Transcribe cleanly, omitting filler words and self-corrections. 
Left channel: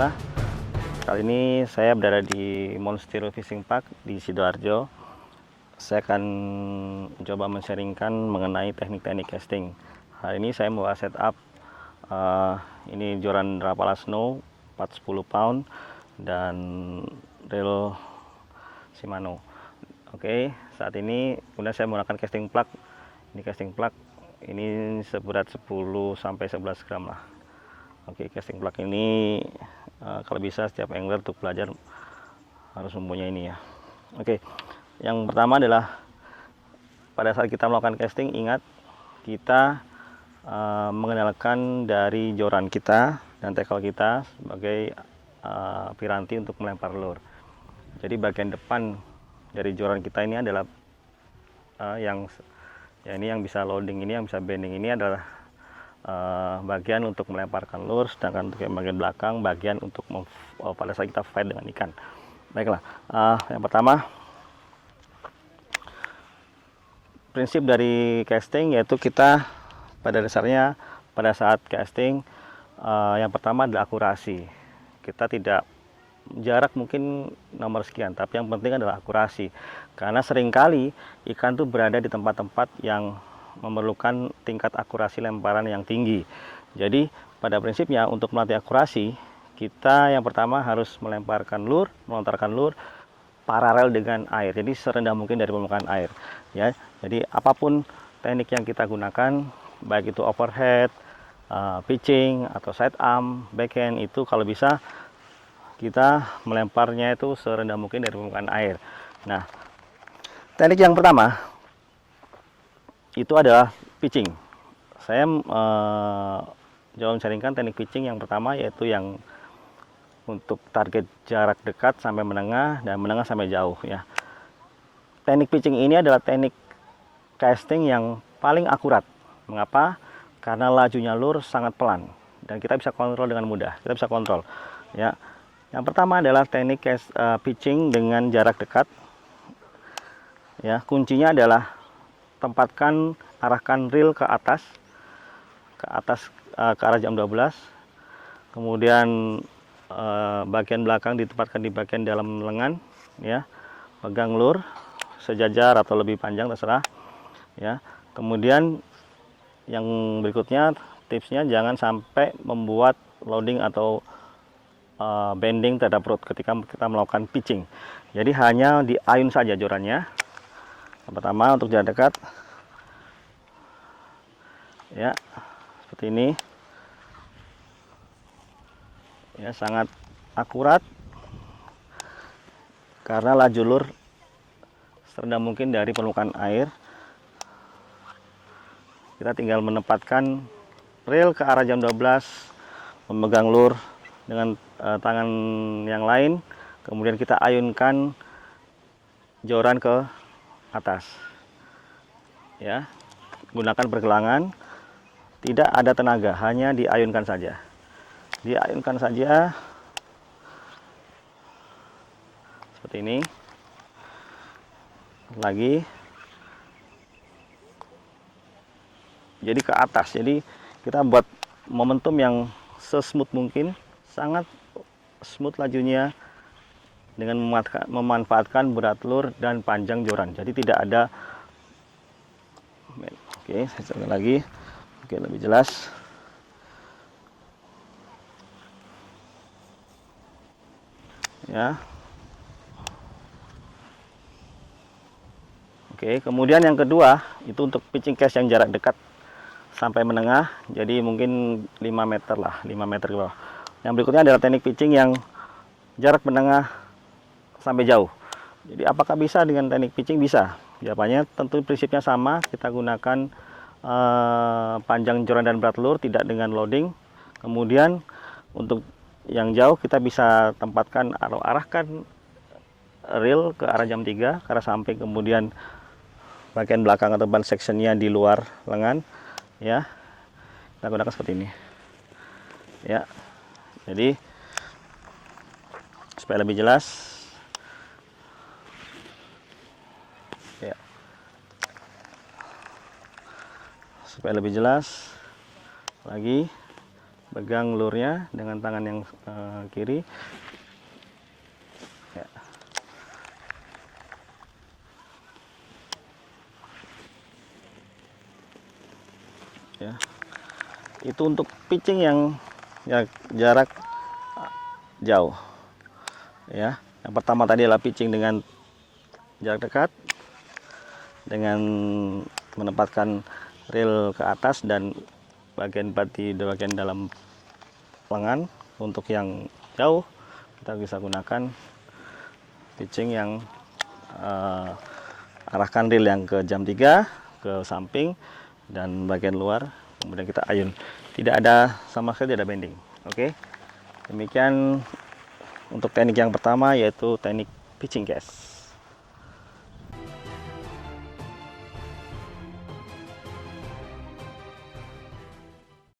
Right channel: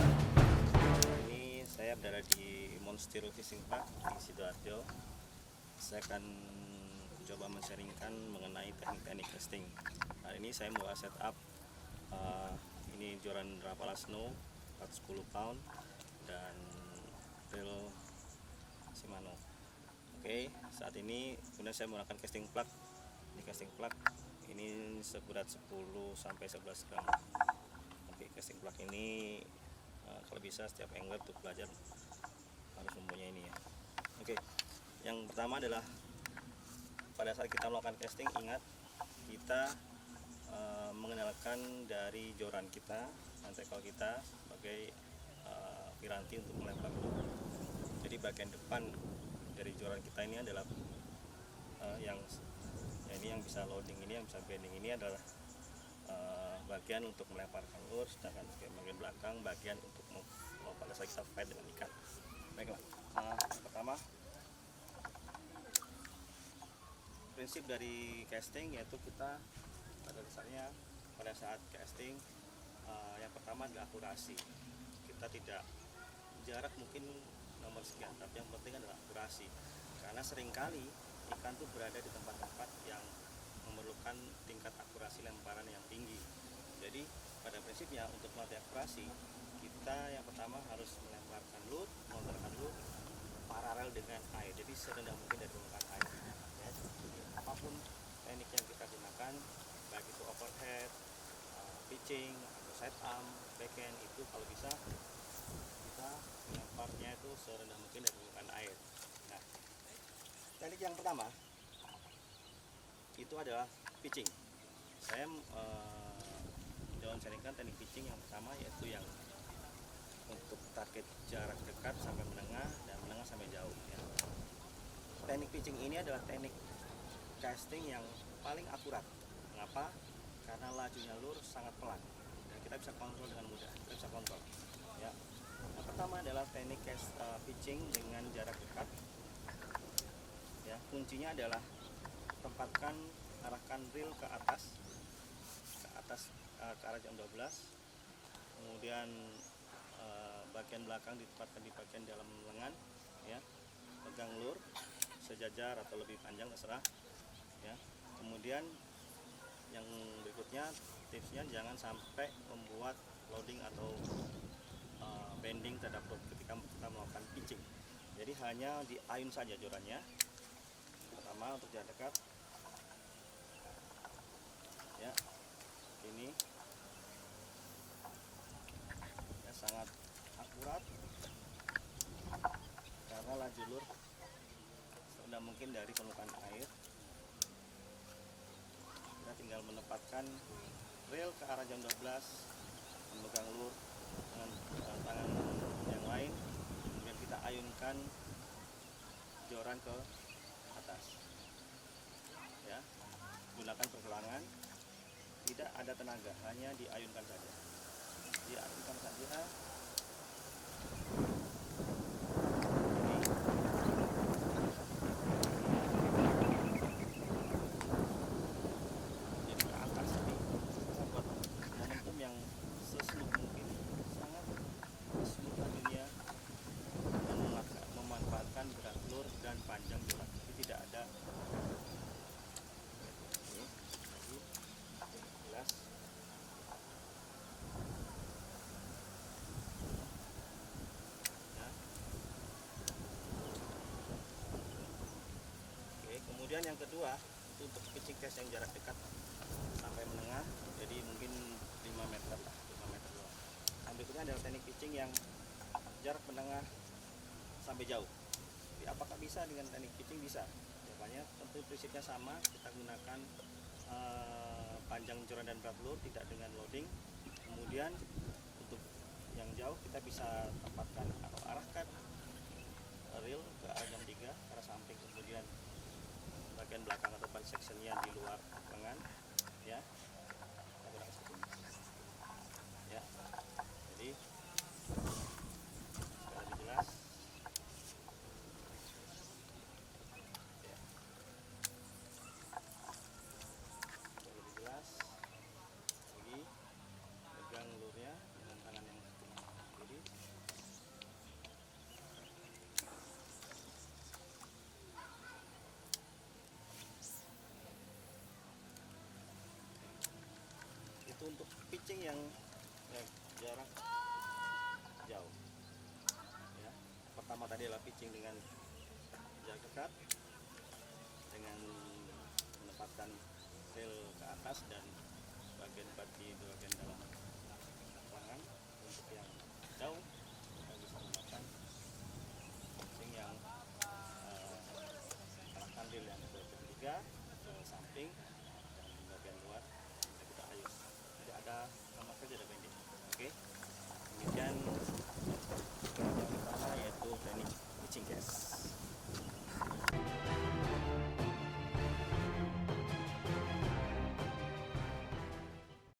jumpa. Kali ini saya berada di Monster Fishing Park di Sidoarjo. Saya akan coba men-sharingkan mengenai teknik-teknik casting. Hari ini saya mau setup ini joran Rapala Snow 410 pound dan reel Shimano. Oke, saat ini kemudian saya menggunakan casting plug. Ini casting plug ini seberat 10 sampai 11 gram lah. Oke, casting plug ini kalau bisa setiap angler untuk belajar harus mempunyai ini ya. Oke, yang pertama adalah pada saat kita melakukan casting, ingat kita mengenalkan dari joran kita dan tackle kita sebagai piranti untuk melempar lure. Jadi bagian depan dari joran kita ini adalah ini yang bisa loading, ini yang bisa bending, ini adalah bagian untuk melemparkan lure, sedangkan untuk yang bagian belakang bagian untuk pada saat kita fight dengan ikan. Baiklah, yang pertama prinsip dari casting yaitu kita pada dasarnya pada saat casting yang pertama adalah akurasi. Kita tidak jarak mungkin nomor sekian, tapi yang penting adalah akurasi, karena seringkali ikan tuh berada di tempat-tempat yang memerlukan tingkat akurasi lemparan yang tinggi. Jadi pada prinsipnya untuk melatih akurasi, kita yang pertama harus melemparkan lure, melontarkan lure paralel dengan air, jadi serendah mungkin dari permukaan air ya. Jadi apapun teknik yang kita gunakan, baik itu overhead, pitching atau side arm, backhand, itu kalau bisa kita melemparnya itu serendah mungkin dari permukaan air. Nah, teknik yang pertama itu adalah pitching. Saya coba mencarikan teknik pitching yang pertama, yaitu yang untuk target jarak dekat sampai menengah dan menengah sampai jauh ya. Teknik pitching ini adalah teknik casting yang paling akurat. Mengapa? Karena lajunya lure sangat pelan dan kita bisa kontrol dengan mudah. Kita bisa kontrol ya. Yang pertama adalah teknik pitching dengan jarak dekat ya. Kuncinya adalah tempatkan, arahkan reel ke atas ke arah jam 12. Kemudian bagian belakang ditempatkan di bagian dalam lengan ya. Pegang lure sejajar atau lebih panjang terserah ya. Kemudian yang berikutnya, tipsnya jangan sampai membuat loading atau bending terhadap rod ketika kita melakukan pitching. Jadi hanya diayun saja jorannya. Yang pertama untuk jarak dekat ya, seperti ini ya, sangat akurat karena laju lure serendah mungkin dari permukaan air. Kita tinggal menempatkan reel ke arah jam 12, memegang lure dengan tangan yang lain, kemudian kita ayunkan joran ke atas ya. Gunakan pergelangan, tidak ada tenaga, hanya diayunkan saja. Diayunkan saja seperti ini. Lagi, jadi ke atas. Jadi kita buat momentum yang sesmooth mungkin, sangat smooth lajunya dengan memanfaatkan berat lure dan panjang joran. Jadi tidak ada. Oke, saya coba lagi. Oke, lebih jelas. Ya. Oke, kemudian yang kedua itu untuk pitching cast yang jarak dekat sampai menengah, jadi mungkin 5 meter lah, 5 meter ke bawah. Yang berikutnya adalah teknik pitching yang jarak menengah sampai jauh. Jadi apakah bisa dengan teknik pitching? Bisa. Jawabannya tentu prinsipnya sama, kita gunakan panjang joran dan berat lure, tidak dengan loading. Kemudian untuk yang jauh kita bisa tempatkan atau arahkan reel ke arah jam 3, ke arah samping, kemudian bagian belakang atau ban sectionnya di luar lengan ya. Kita gunakan seperti ini ya. Jadi supaya lebih jelas ya, supaya lebih jelas lagi pegang lurnya dengan tangan yang kiri. Ya. Ya. Itu untuk pitching yang ya, jarak jauh. Ya, yang pertama tadi adalah pitching dengan jarak dekat, dengan menempatkan reel ke atas dan bagian bati di bagian dalam lengan. Untuk yang jauh kita bisa gunakan pitching yang arahkan reel yang ke jam 3 ke samping dan bagian luar, kemudian kita ayun. Tidak ada sama sekali, tidak ada bending. Oke, demikian untuk teknik yang pertama, yaitu teknik pitching cast.